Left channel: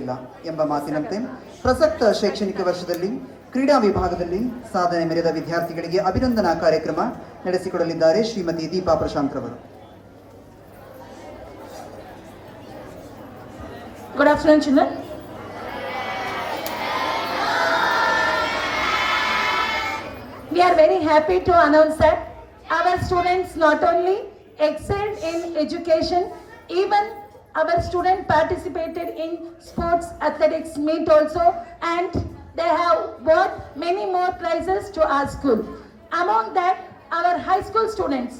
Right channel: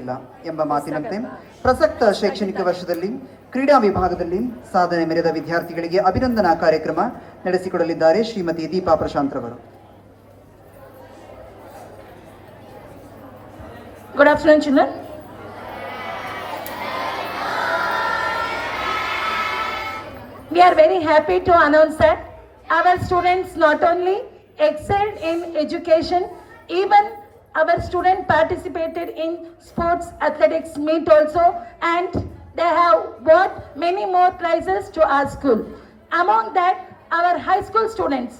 ಇಲ್ಲ ಎಂಬ ಮಾತಿನಂತೆ ಪ್ರಸಕ್ತ ಶೈಕ್ಷಣಿಕ ವರ್ಷದಲ್ಲಿ ಕ್ರೀಡಾ ವಿಭಾಗದಲ್ಲಿ ಸಾಧನೆ ಮೆರೆದ ವಿದ್ಯಾರ್ಥಿಗಳಿಗೆ ಅಭಿನಂದನಾ ಕಾರ್ಯಕ್ರಮ ನಡೆಸಿಕೊಡಲಿದ್ದಾರೆ ಶ್ರೀಮತಿ ದೀಪಾ ಪ್ರಶಾಂತ್ ರವರು. Good afternoon, children. We are very happy to announce that our students not only excelled in education, even our students participated in sports athletics meet also, and they have won many more prizes to our school. Among that, our high school students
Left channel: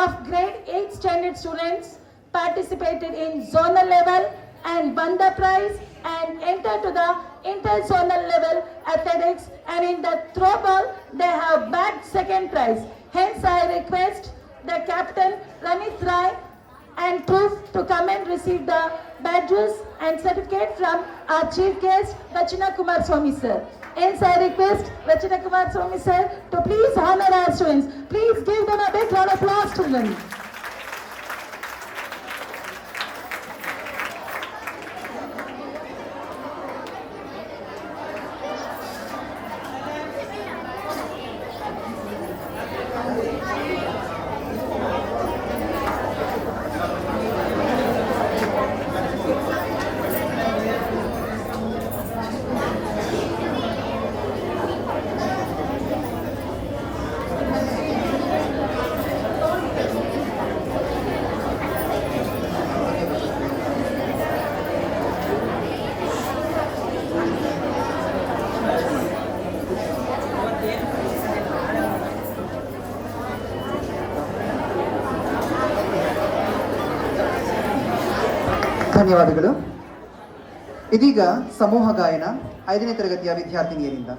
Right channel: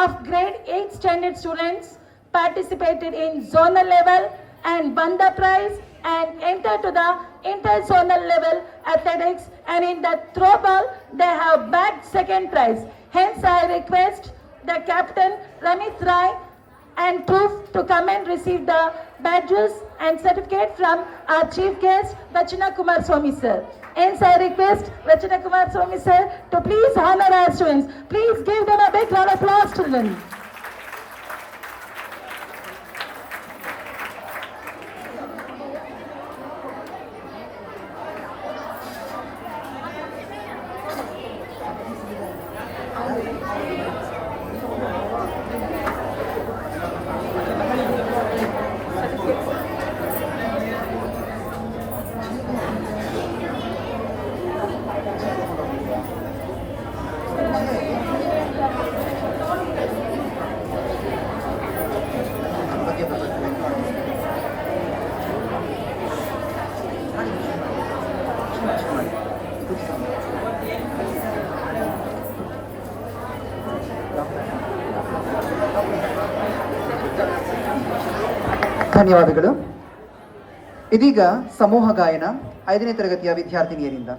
of grade 8 standard students participated in zonal level and won the prize and entered to the inter-zonal level athletics, and in the throw ball they have bagged second prize. Hence I request the captain Ramit Rai and Troop to come and receive the badges and certificate from our chief guest Rachana Kumar Swami sir. Hence I request Rachana Kumar Swami sir to please honor our students. Please give them a big round of applause to them. ಧನ್ಯವಾದಗಳು. ಇದೀಗ ಸಮೂಹ ಗಾಯನ 5ನೇ ತರಗತಿಯ ವಿದ್ಯಾರ್ಥಿನಿಯರಿಂದ.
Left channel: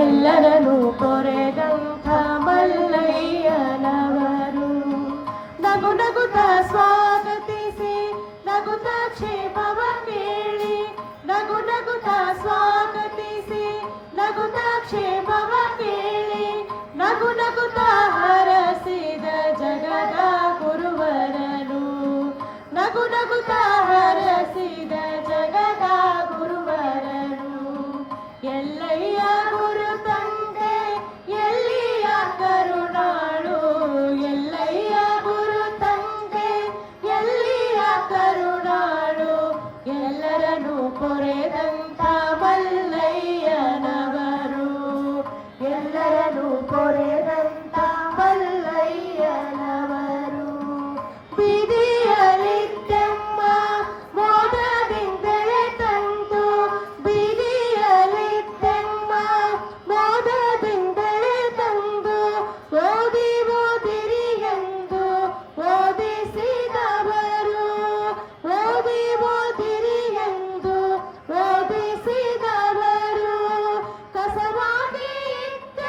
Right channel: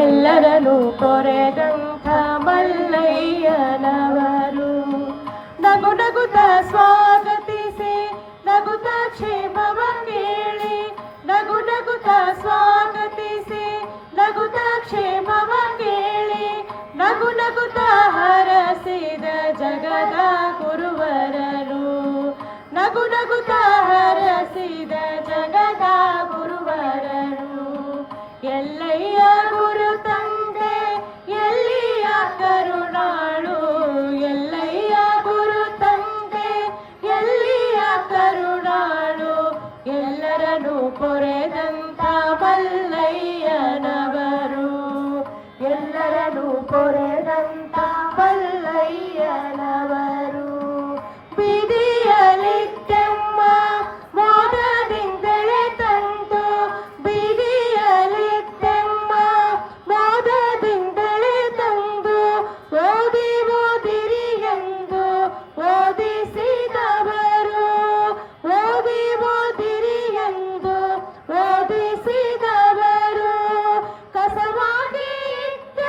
ಎಲ್ಲರನ್ನು ಪೊರೆದಂಥ ಮಲ್ಲಯ್ಯನವರು ನಗು ನಗುತ್ತ ಸ್ವಾಗತಿಸಿ ನಗುತ್ತ ಕ್ಷೇಮವ ಕೇಳಿ ನಗು ನಗುತ್ತ ಸ್ವಾಗತಿಸಿ ನಗುತ್ತ ಕ್ಷೇಮವ ಕೇಳಿ ನಗು ನಗುತ್ತ ಹರಸಿದ ಜಗದ ಗುರುವರನು ನಗು ನಗುತ್ತ ಹರಸಿದ ಜಗದ ಗುರುವರನು ಎಲ್ಲಯ್ಯ ಗುರು ತಂದೆ ಎಲ್ಲಿಯ ಕರುಣಾಳು ಎಲ್ಲಯ್ಯ ಗುರು ತಂದೆ ಎಲ್ಲಿಯ ಕರುಣಾಳು ಎಲ್ಲರನ್ನು ಪೊರೆದಂಥ ಮಲ್ಲಯ್ಯನವರು ಎಲ್ಲರನ್ನು ಪೊರೆದಂಥ ಮಲ್ಲಯ್ಯನವರು ಬೀದಿಯಲಿದ್ದಮ್ಮ ಮೋದದಿಂದಲೇ ತಂದು ಬೀದಿಯಲಿದ್ದಮ್ಮ ಮೋದದಿಂದಲೇ ತಂದು ಓದಿ ಓದಿರಿ ಎಂದು ಓದಿಸಿದವರು ಓದಿ ಓದಿರಿ ಎಂದು ಓದಿಸಿದವರು ಕಸವಾಗಿ ಇದ್ದ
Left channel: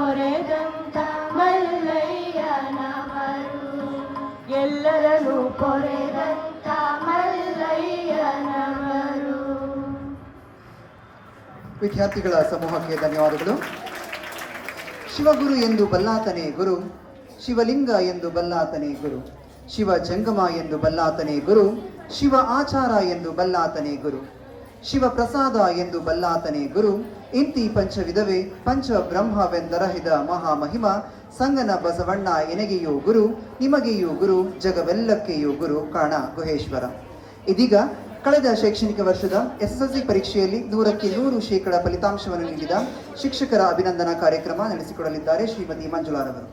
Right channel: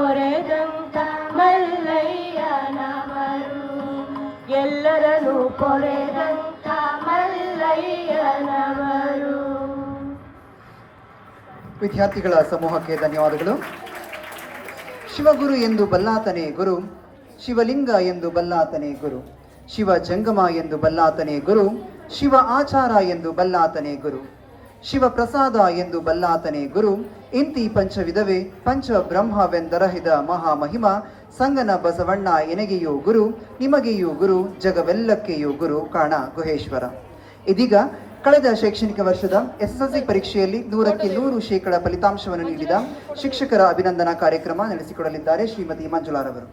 ಪೊರೆದಂತ ಮಲ್ಲಯ್ಯನವರು, ಎಲ್ಲರನ್ನು ಪೊರೆದಂತ ಮಲ್ಲಯ್ಯನವರು. ವಿದ್ಯಾರ್ಥಿಗಳ ಸಮೂಹಕ್ಕೆ ಧನ್ಯವಾದಗಳು. ಶಿವಗುರು ಎಂದು ಬಲ್ಲಾತನೇ ಗುರು, ಶಿವಲಿಂಗ ಎಂದು ಬಲ್ಲಾತನೇ ಗುರು, ಶಿವ ಜಂಗಮ ಎಂದು ಬಲ್ಲಾತನೇ ಗುರು, ಶಿವ ಆಚಾರ ಎಂದು ಬಲ್ಲಾತನೇ ಗುರು, ಶಿವ ಪ್ರಸಾದ ಎಂದು ಬಲ್ಲಾತನೇ ಗುರು. ಇಂತಿ ಪಂಚವಿಧವೇ ಪಂಚ ಬ್ರಹ್ಮವೆಂದರಹಿದ ಮಹಾಮಹಿಮ ಸಂಗನ ಬಸವಣ್ಣ ಎನಗೆಯೂ ಗುರು, ನಿಮಗೆಯೂ ಗುರು, ಜಗವೆಲ್ಲಕ್ಕೆಯೂ ಗುರು ಕಾಣ ಗುಹೇಶ್ವರ. ಇದೀಗ ಕಳೆದ ಶೈಕ್ಷಣಿಕ ವರ್ಷದ ಎಸ್ಎಸ್ಎಲ್ಸಿ ಪರೀಕ್ಷೆಯಲ್ಲಿ 100% ಫಲಿತಾಂಶವನ್ನು ನೀಡಿದ ಶಿಕ್ಷಕರ ಅಭಿನಂದನಾ ಕಾರ್ಯಕ್ರಮ ನಡೆಸಿಕೊಡಲಿದ್ದಾರೆ ಶ್ರೀಮತಿ ಮಂಜುಳಾರವರು.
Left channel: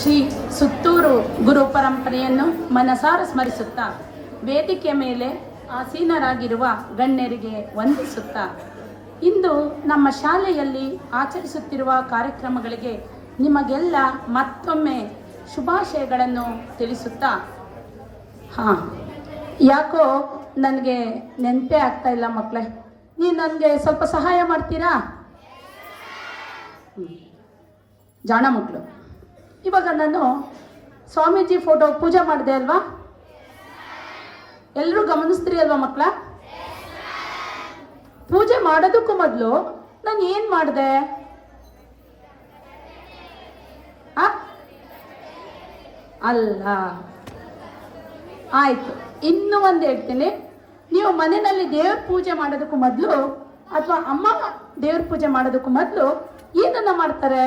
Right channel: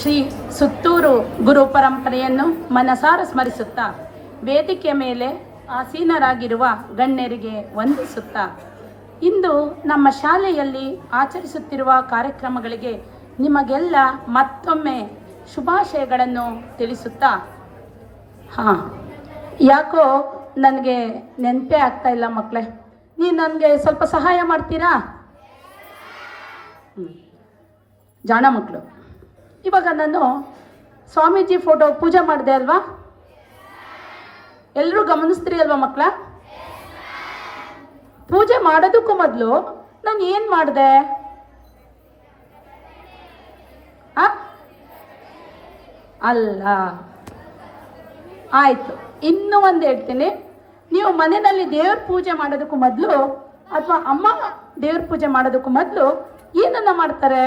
ಶ್ರೀ ಸುತ್ತೂರು ಗುರು ಪರಂಪರೆಯನ್ನು ಮನಸಾರ ಸ್ಮರಿಸುತ್ತಾ, ವೇದಿಕೆಯ ಮೇಲೆ ಆಸೀನರಾಗಿರುವ ಗಣ್ಯರಿಗೆ ವಂದಿಸುತ್ತಾ, ಇಂದು ನಮ್ಮ ಶಾಲೆಯಲ್ಲಿ ಆಚರಿಸುತ್ತಿರುವ ಕಾರ್ಯಕ್ರಮಗಳಿಗೆ ನಿಮಗೆಲ್ಲ ಮತ್ತೊಮ್ಮೆ ಶುಭಾಶಯಗಳನ್ನು ತಿಳಿಸುತ್ತಾ, ಯಾಕೋ ನನಗೆ ನೆನಪೇ ಆಗ್ತಾ ಇಲ್ಲ ಮಕ್ಕಳೇ, ನೀವು ನನಗೆ ಸ್ವಲ್ಪ ಸಹಾಯ ಮಾಡ್ತೀರಾ? ಜಾಣ ಮಕ್ಕಳು, ಇವಾಗ ನಾನು ಸ್ವಾಮೀಜಿ ಫೋಟೋ ಪೂಜೆ ಮಾಡಿದೆ ಅಲ್ವಾ? ಎಲ್ಲರೂ ಗಮನಿಸ್ತೀರಿ ಅಲ್ವಾ ಮಕ್ಕಳ? ಪೂಜೆ ಮಾಡೋದಕ್ಕೂ ಮೊದಲು ನಾನು ಏನು ಮಾಡಿದೆ? ಅಲ್ಲ, ಆಯ್ತು, ಇನ್ನೂ ಒಂದು ಹೇಳ್ತೀನಿ. ನೀವು ಮನೆಯಲ್ಲಿ ದೇವ್ರ ಪೂಜೆ ಮಾಡೋದಕ್ಕೂ ಮೊದಲು ಅಥವಾ ಅಮ್ಮ ದೇವ್ರ ಪೂಜೆ ಮಾಡೋದಕ್ಕೂ ಮೊದಲು ಏನನ್ನ ಮಾಡ್ತಾರೆ?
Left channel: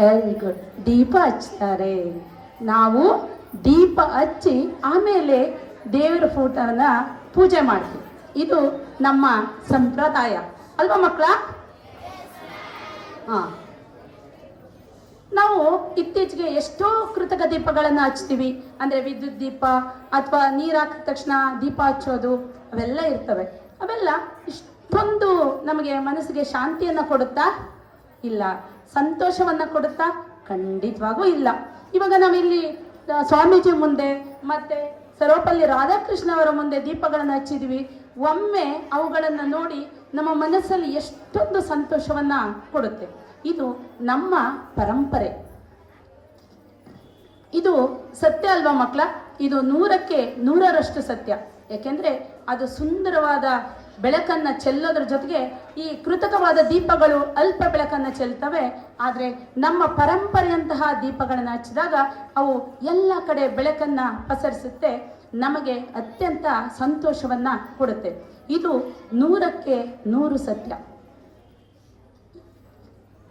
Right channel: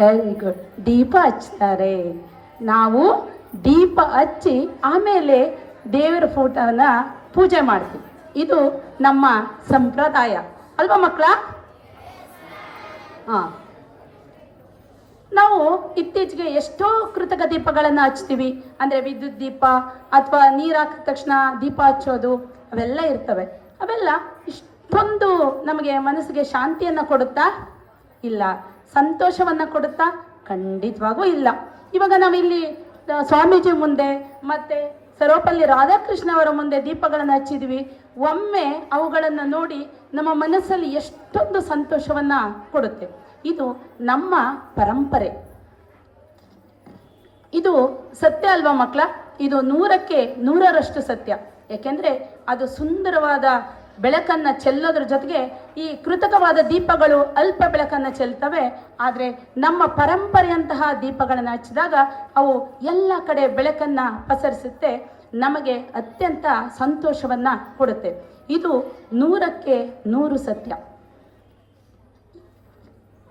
ವೆರಿ ಗುಡ್, ದೀಪ ಹಚ್ತಾರೆ. ನಾವು ದೀಪ ಹಚ್ಚಿ ಆಮೇಲೆ ದೇವರ ಫೋಟೋನ ಪೂಜೆ ಮಾಡ್ತೀವಿ. ಇದು ನಮ್ಮ ಸಂಪ್ರದಾಯ ಅಲ್ವಾ ಮಕ್ಕಳ? ನಾವು ಇತ್ತೀಚೆಗೆ ಎಷ್ಟೋ ಕೃತಕ ದೀಪಗಳನ್ನು ಹಚ್ತೀವಿ. ಅಂದರೆ ವಿದ್ಯುತ್ ದೀಪ ಅಥವಾ ನೀರು ಹಾಕಿದ ತಕ್ಷಣ ದೀಪ ಹಚ್ಚೋದು, ಅವೆಲ್ಲ ಇರ್ತವೆ. ಅವೆಲ್ಲ ಇಷ್ಟೊಂದು ನಮಗೆ ಮನಸ್ಸಿಗೆ ಶಾಂತಿಯನ್ನು ಕೊಡುತ್ತಾ? ಇಲ್ಲ. ಸಂತೋಷವನ್ನು ಕೊಡುತ್ತಾ? ಖಂಡಿತವಾಗೂ ಇಲ್ಲ. ಇವಾಗ ನಾವಿಲ್ಲಿ ಸ್ವಾಮೀಜಿ ಮುಂದೆ ಮತ್ತು ಸರ್ವಪಲ್ಲಿ ರಾಧಾಕೃಷ್ಣ ಅವರ ಮುಂದೆ ದೀಪಗಳನ್ನು ಹಚ್ಚಿದ್ವಿ. ಒಮ್ಮೆ ಅವುಗಳನ್ನು ನೋಡಿ ನಮ್ಮ ಮನಸ್ಸಲ್ಲಿ ಎಷ್ಟೊಂದು ಸಂತೋಷವನ್ನು ಕೊಡುತ್ತೆ. ಇದು ನಮ್ಮ ಪರಂಪರೆ. ಇದು ಸತ್ಯ ಅಲ್ವಾ ಮಕ್ಕಳ? ಇದು 100ಕ್ಕೆ 100ರಷ್ಟು ಸತ್ಯ. ಯಾಕೆಂದರೆ ಅದು ಸುಂದರವಾದ ಬೆಳಕನ್ನು ಚೆಲ್ಲೋದ್ರ ಜೊತೆಗೆ ಈ ಕೃತಕವಾದ ದೀಪಗಳು ಅಲ್ಪ ಬೆಳಕನ್ನು ಚೆಲ್ತವೆ. ಆದರೆ ನಮ್ಮ ಪರಂಪರೆಯಂತಹ ದೀಪಗಳನ್ನು ಹಚ್ಚಿದಾಗ ಅವು ಎಲ್ಲ ಕಡೆ ಬೆಳಕನ್ನು ಪಸರಿಸುತ್ತೆ, ನಮಗೆ ಅತ್ಯಂತ ಸಂತೋಷವನ್ನು ಕೊಡುತ್ತೆ. ಇದು 100ಕ್ಕೆ 100 ಸತ್ಯ.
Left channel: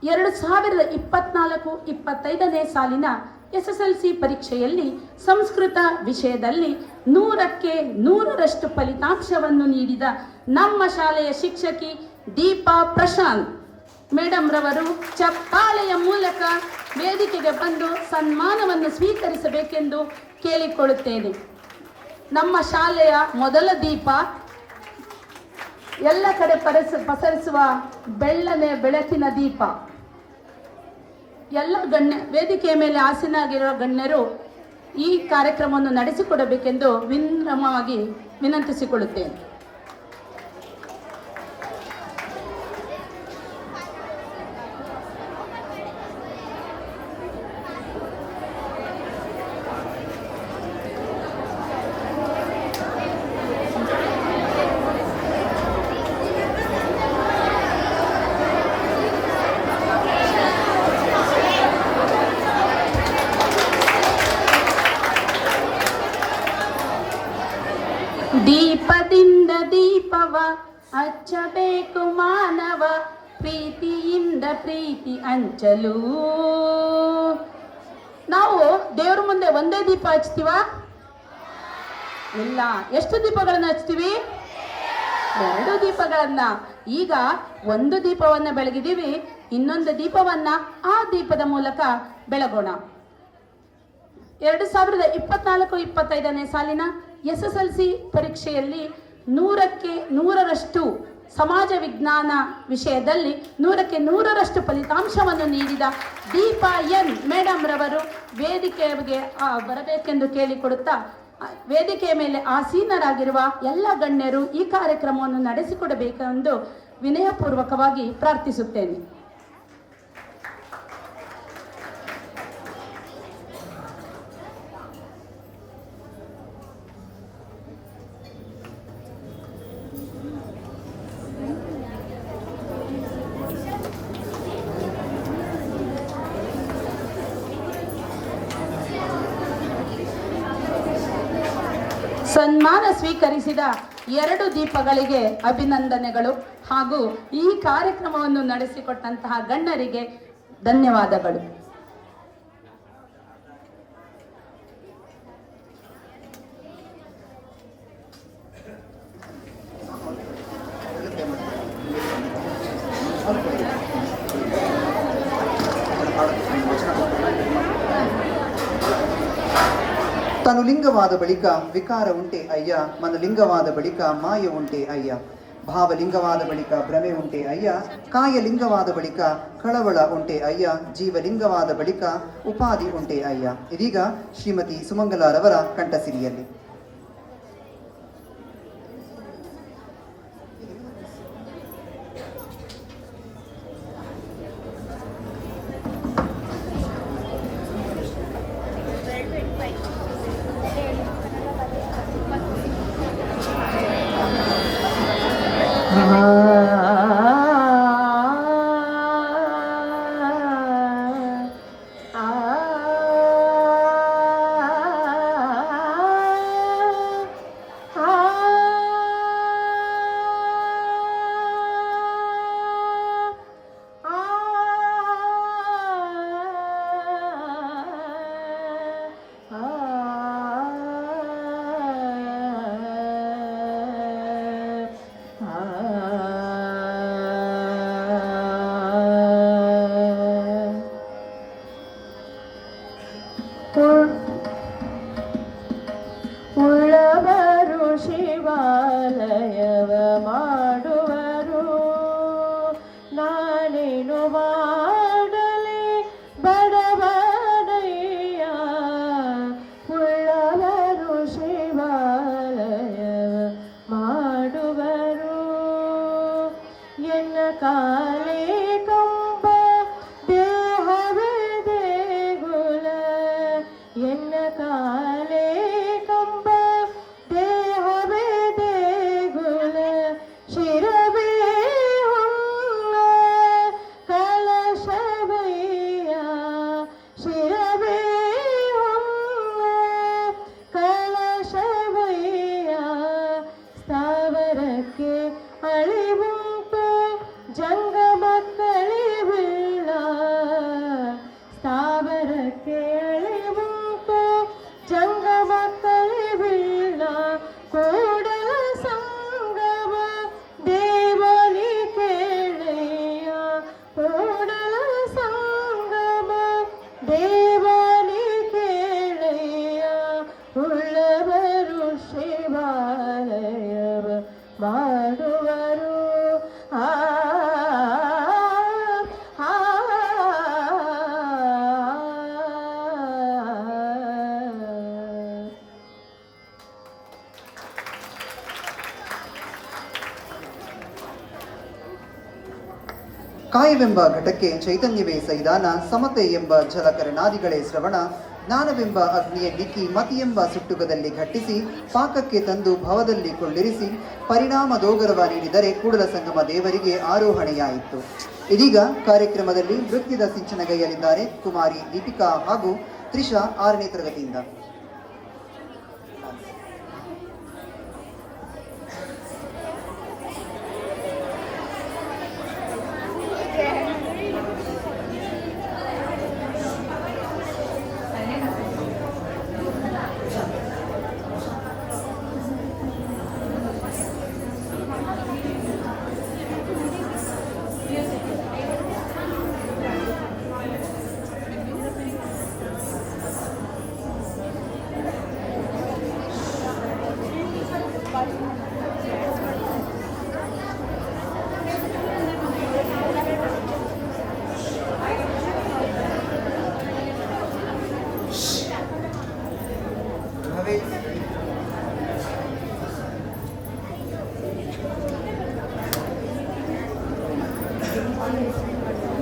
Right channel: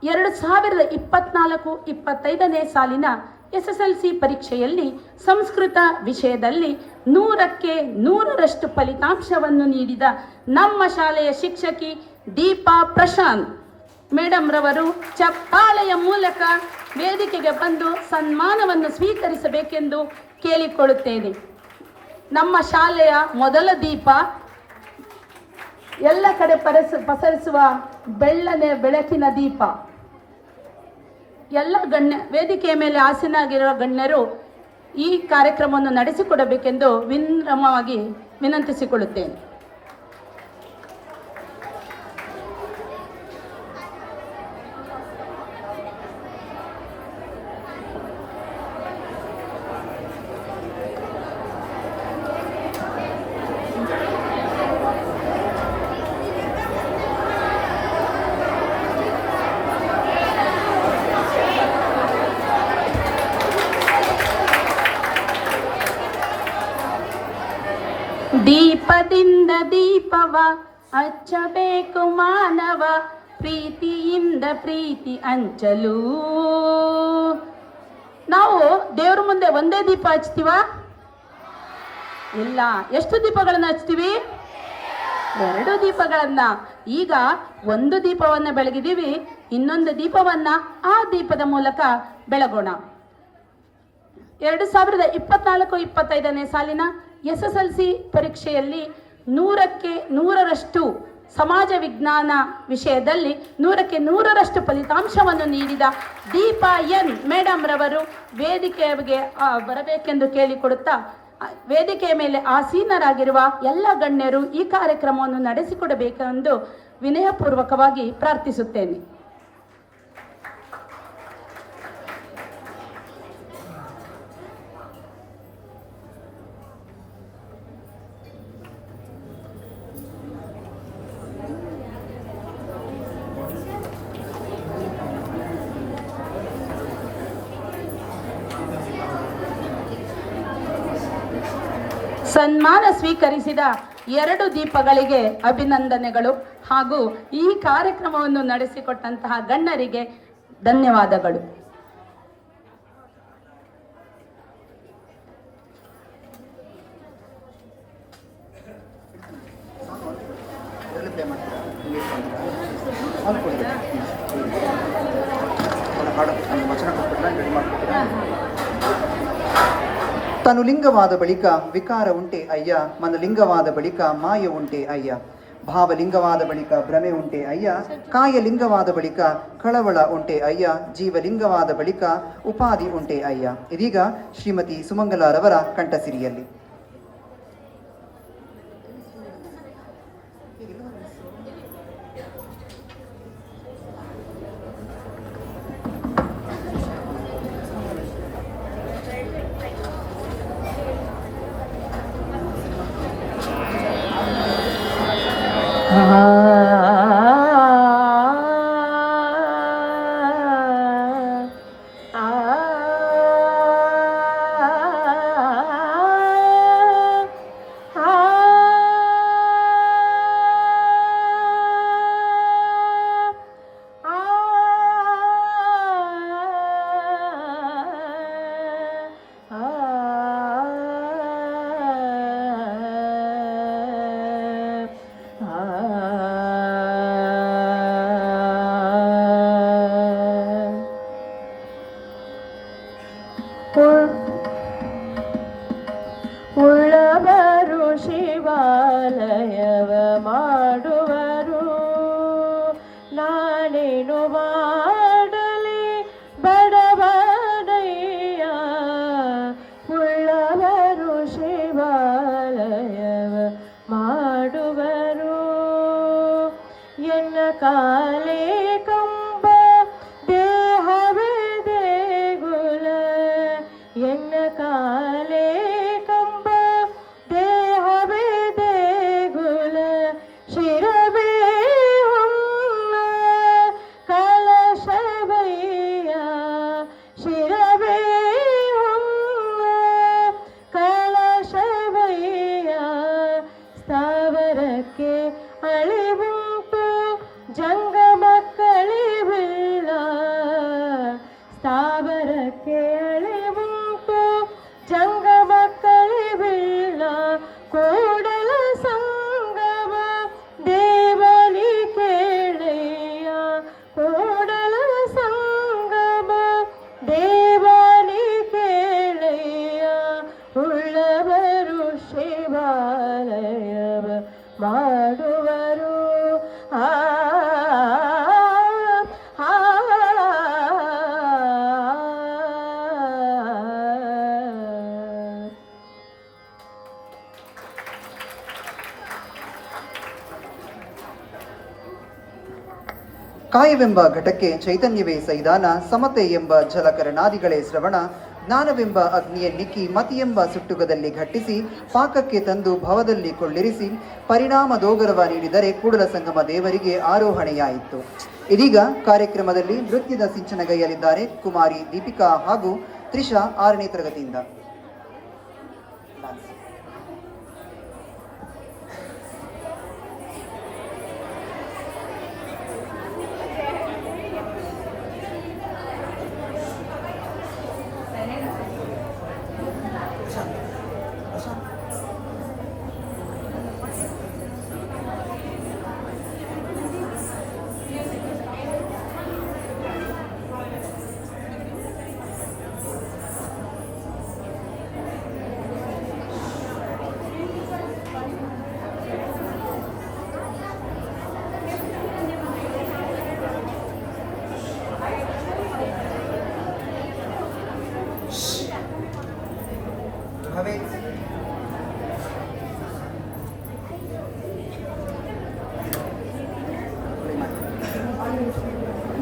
2024-25ನೇ ಸಾಲಿನ SSLC ಪರೀಕ್ಷೆಯಲ್ಲಿ ಸಂಸ್ಕೃತ ವಿಷಯದಲ್ಲಿ 100ಕ್ಕೆ 100ರಷ್ಟು ಫಲಿತಾಂಶವನ್ನು ನೀಡಿದ ನಮ್ಮ ಶಾಲೆಯ ಶಿಕ್ಷಕಿ ದೀಪಾ ಪ್ರಶಾಂತ್ ಮೇಡಮ್ ರವರು ಚಪ್ಪಾಳೆಯ ಮೂಲಕ ವೇದಿಕೆಗೆ ಬಂದು ಸನ್ಮಾನವನ್ನು ಸ್ವೀಕರಿಸಬೇಕೆಂದು ಕೇಳಿಕೊಳ್ಳುತ್ತೇನೆ. ನಮ್ಮ ಶಾಲೆಯ ಮೊದಲ ದೀಪ, ಎಲ್ಲ ಕಡೆ ಪಸರಿಸುವ ಬೆಳ್ಳನೆ ಬೆಳಕಿನ ದೀಪ. ಎಲ್ಲ ವೇದಿಕೆಯ ಮೇಲೆ ಆಸೀನರಾಗಿರುವ ಗಣ್ಯರು ಈ ಕಾರ್ಯಕ್ರಮವನ್ನು ನಡೆಸಿಕೊಡಬೇಕೆಂದು ವಿನಮ್ರವಾಗಿ ವಿನಂತಿಸಿಕೊಳ್ಳುತ್ತೇನೆ. ದೀಪದಿಂದ ದೀಪವ ಹಚ್ಚಬೇಕು ಮಾನವ, ಪ್ರೀತಿಯಿಂದ ಪ್ರೀತಿ ಹಂಚಲು. ನಾವು ದೇವರ ಮುಂದೆ ಒಂದೇ ದೀಪ ಹಚ್ತೀವ? ಇಲ್ಲ. ಎಷ್ಟು ದೀಪಗಳನ್ನು ಹಚ್ತೀವಿ? 2 ದೀಪಗಳನ್ನ. ಈಗ ಒಂದು ದೀಪವನ್ನು ಬೆಳಗಿದ್ದೀವಿ, ಇನ್ನೊಂದು ದೀಪವನ್ನ ಆ ದೀಪದ ಮೂಲಕ ಬೆಳಗೋಣ. 2024-25ನೇ ಸಾಲಿನ SSLC ಪರೀಕ್ಷೆಯಲ್ಲಿ 100ಕ್ಕೆ 100ರಷ್ಟು ಸಮಾಜ ವಿಜ್ಞಾನ ವಿಷಯದಲ್ಲಿ 100ಕ್ಕೆ 100ರಷ್ಟು ಫಲಿತಾಂಶವನ್ನು ನೀಡಿದ ದೀಪಾ ಎನ್ ಮೇಡಮ್ ರವರು ವೇದಿಕೆಗೆ ಬರಬೇಕೆಂದು ಕೇಳಿಕೊಡುತ್ತಾ, ವೇದಿಕೆಯ ಮೇಲೆ ಆಸೀನರಾಗಿರುವ ಎಲ್ಲ ಗಣ್ಯರು ಈ ಕಾರ್ಯಕ್ರಮವನ್ನು ನಡೆಸಿಕೊಡಬೇಕೆಂದು ವಿನಯಪೂರ್ವಕವಾಗಿ ಪ್ರಾರ್ಥಿಸುತ್ತೇನೆ. ಸನ್ಮಾನ ಸ್ವೀಕರಿಸಿದ 2 ದೀಪಗಳಿಗೆ ಅಭಿನಂದನೆಗಳು ಹಾಗೂ ಈ ಕಾರ್ಯಕ್ರಮವನ್ನು ನಡೆಸಿಕೊಟ್ಟಂತಹ ಗಣ್ಯರಿಗೆ ಧನ್ಯವಾದಗಳು. ತನು ಲಿಂಗವಾದ ಬಳಿಕ ವಿಕಾರ ಉಂಟೆ ಅಯ್ಯ, ಮನಲಿಂಗವಾದ ಬಳಿಕ ಮಾಯ ಉಂಟೆ ಅಯ್ಯ, ಭಾವಲಿಂಗವಾದ ಬಳಿಕ ಭ್ರಮೆ ಉಂಟೆ ಅಯ್ಯ, ಕಾಯಲಿಂಗವಾದ ಬಳಿಕ ಕಳವಳ ಉಂಟೆ ಅಯ್ಯ, ಜೀವಲಿಂಗವಾದ ಬಳಿಕ ಉಪಾಧಿ ಉಂಟೆ ಅಯ್ಯ. ಇದೀಗ ಶ್ರೀಮತಿ ಸುಮಂಗಲಾರವರ ಕಂಠಸಿರಿಯಲ್ಲಿ ಉಳ್ಳವರು ಶಿವಾಲಯವ ಮಾಡುವರು, ನಾನೇನು ಮಾಡಲಿ ಬಡವನಯ್ಯ. ಉಳ್ಳವರು ಶಿವಾಲಯವ ಮಾಡುವರು, ಎನ್ನ ಕಾಲೇ ಕಂಬ ದೇಹವೇ ದೇಗುಲ, ಎನ್ನ ಕಾಲೇ ಕಂಬ ದೇಹವೇ ದೇಗುಲ, ಶಿರವೇ ಹೊನ್ನ ಕಲಶವಯ್ಯ, ಶಿರವೇ ಹೊನ್ನ ಕಲಶವಯ್ಯ. ಸ್ಥಾವರಕ್ಕೆ ಅಳಿವುಂಟು ಜಂಗಮ ಕಳಿವಿಲ್ಲ, ಸ್ಥಾವರಕ್ಕೆ ಅಳಿವುಂಟು ಜಂಗಮ ಕಳಿವಿಲ್ಲ. ಕೂಡಲ ಸಂಗಮ ದೇವನಿ ಕೇಳೆಯ, ಕೂಡಲ ಸಂಗಮ ದೇವನಿ ಕೇಳೆಯ. ಉಳ್ಳವರು ಶಿವಾಲಯವ ಮಾಡುವರು, ಆ ಕಾಯವೆಂಬ ಘಟಕ್ಕೆ ಚೈತನ್ಯವೇ ಸೈದಾನ, ಸಮತೆ ಎಂಬ ಜಲಕರಣಾದಿಗಳೇ ಶ್ರವಣ, ಜ್ಞಾನವೆಂಬ ಅಗ್ನಿಯ ನಿಕ್ಕಿ ಮತಿಯೆಂಬ ಸುಟ್ಟುಗದಲ್ಲಿ ಘಟ್ಟಿಸಿ ಪಾಕಕ್ಕೆ ತಂದು ಭವದಲ್ಲಿ ಕೊಳ್ಳಿರಿಸಿ ಪರಿಣಾಮ ದೋಗರವ ನೀಡಿದರೆ ಕೂಡಲ ಸಂಗಮ ದೇವರಿಗೆ ಆರೋಹಣೆಯಾಯಿತು. ಇದೀಗ ಕಾರ್ಯಕ್ರಮದಲ್ಲಿ ನೃತ್ಯದ ಸಿಂಚನಗೈಯಲಿದ್ದಾರೆ ಕುಮಾರಿ ದೀಪಿಕಾ ಹಾಗೂ ತ್ರಿಷಾ 6ನೇ ತರಗತಿಯಿಂದ.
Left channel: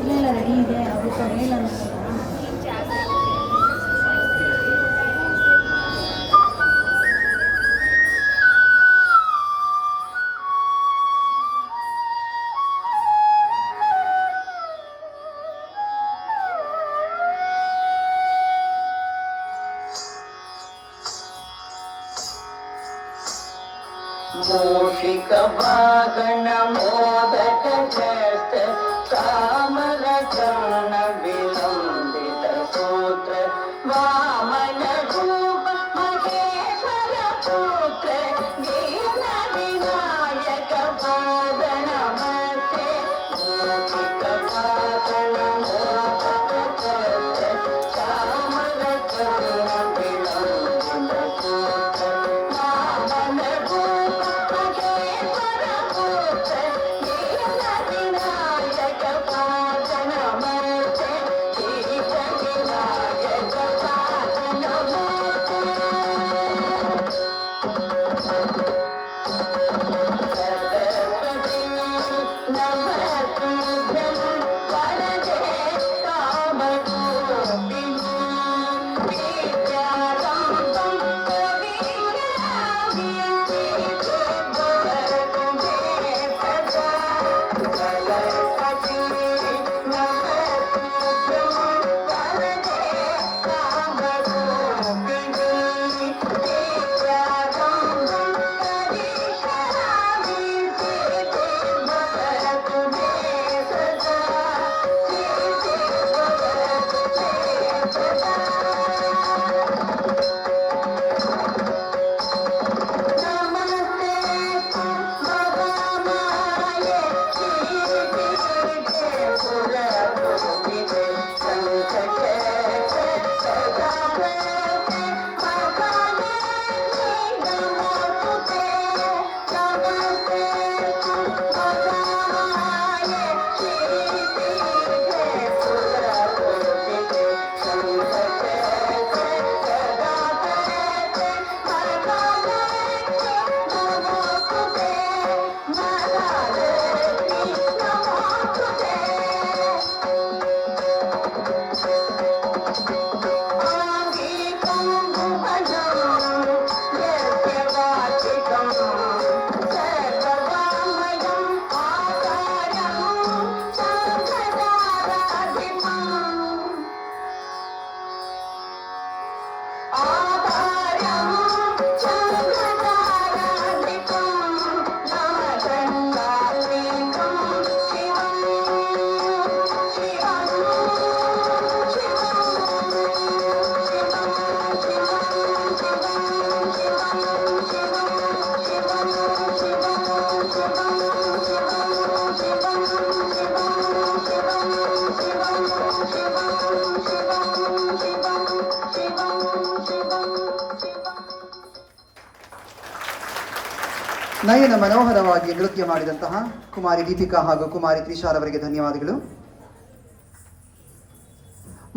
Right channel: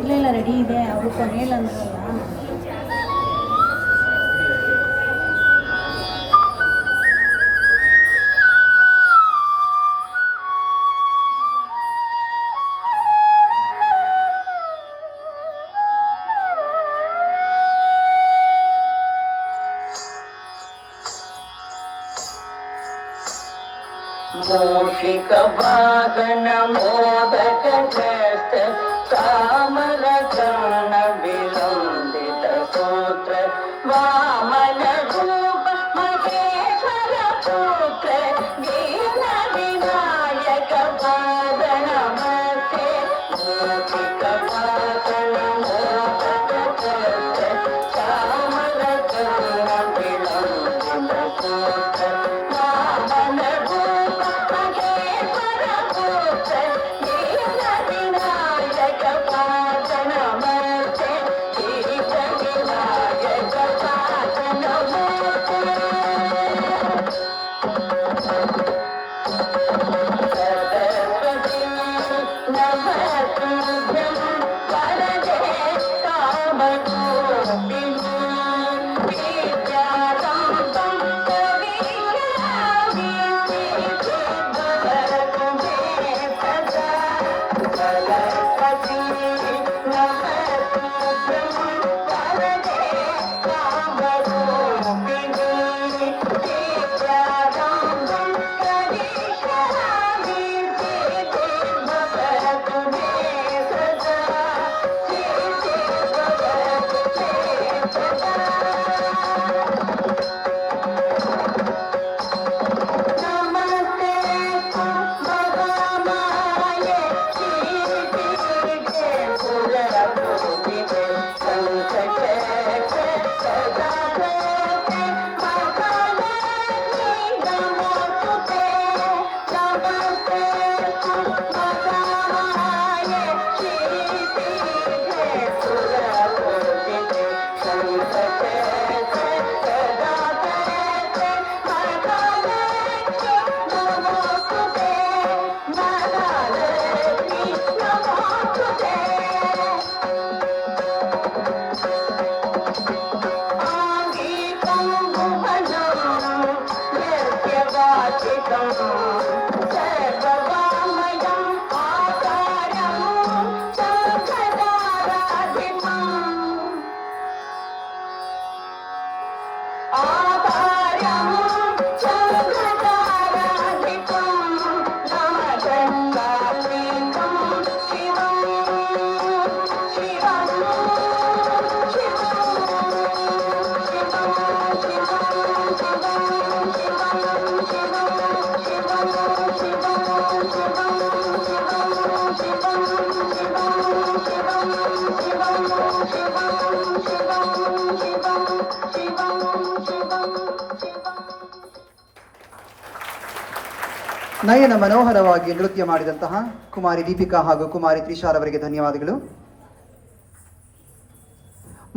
ಇಲ್ಲ ರೆಡಿ ಇದೆ ಅದಕ್ಕೆ ಹೇಳಲ್ಲ ಮೂಷಿಕ ವಾಹನ ಮೋದಕ ಜಸ್ತ ಕಾಮಲ ಚರಣ ವಿಲಂಬಿತ ಸೂತ್ರ ವಾಮನ ರೂಪ ಮಹೇಶ್ವರ ಪುತ್ರ ದೀನ ವಿನಾಯಕ ವಾಹನ ಮಧ್ಯೆ ಮೂಷಿಕ ವಾಹನ ಮೋದಕ ಜಸ್ತ ಕಾಮಲ ಚರಣ ವಿಲಂಬಿತ ಸೂತ್ರ ವಾಮನ ರೂಪ ಮಹೇಶ್ವರ ಪುತ್ರ ದೀನ ವಿನಾಯಕ ವಾಹನ ಮಧ್ಯೆ ದೀನ ವಿನಾಯಕ ವಾಹನ ನಯನ ಮನೋಹರವಾಗಿ ನೃತ್ಯ ಮಾಡಿದಂತಹ ಕುಮಾರಿ ದೀಪಿಕಾ ಹಾಗೂ ಕುಮಾರಿ ತ್ರಿಷಾರವರಿಗೆ ಧನ್ಯವಾದಗಳು.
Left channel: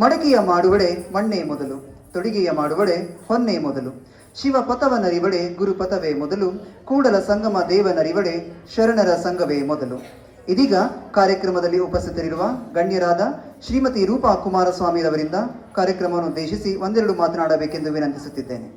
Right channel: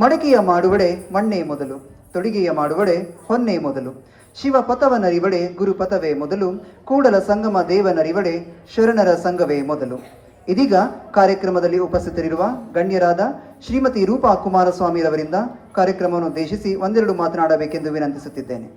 ಮಡಕೆಯ ಮಾಡುವಡೆ ಮಣ್ಣೆ ಮೊದಲು, ತೊಡಿಗೆಯ ಮಾಡುವಡೆ ಹೊನ್ನೆ ಮೊದಲು, ಶಿವ ಪಥವನರಿವಡೆ ಗುರುಪಥವೇ ಮೊದಲು, ಕೂಡಲ ಸಂಗಮ ದೇವನರಿವಡೆ ಶರಣರ ಸಂಘವೇ ಮೊದಲು. ಇದೀಗ ಕಾರ್ಯಕ್ರಮದಲ್ಲಿ ಉಪಸ್ಥಿತರಿರುವ ಗಣ್ಯರಾದ ಶ್ರೀಮತಿ ರೂಪಾ ಕುಮಾರಸ್ವಾಮಿರವರಿಂದ ಕಾರ್ಯಕ್ರಮವನ್ನು ಉದ್ದೇಶಿಸಿ ಒಂದೆರಡು ಮಾತನಾಡಬೇಕೆಂದು ವಿನಂತಿಸುತ್ತಿದ್ದೇನೆ.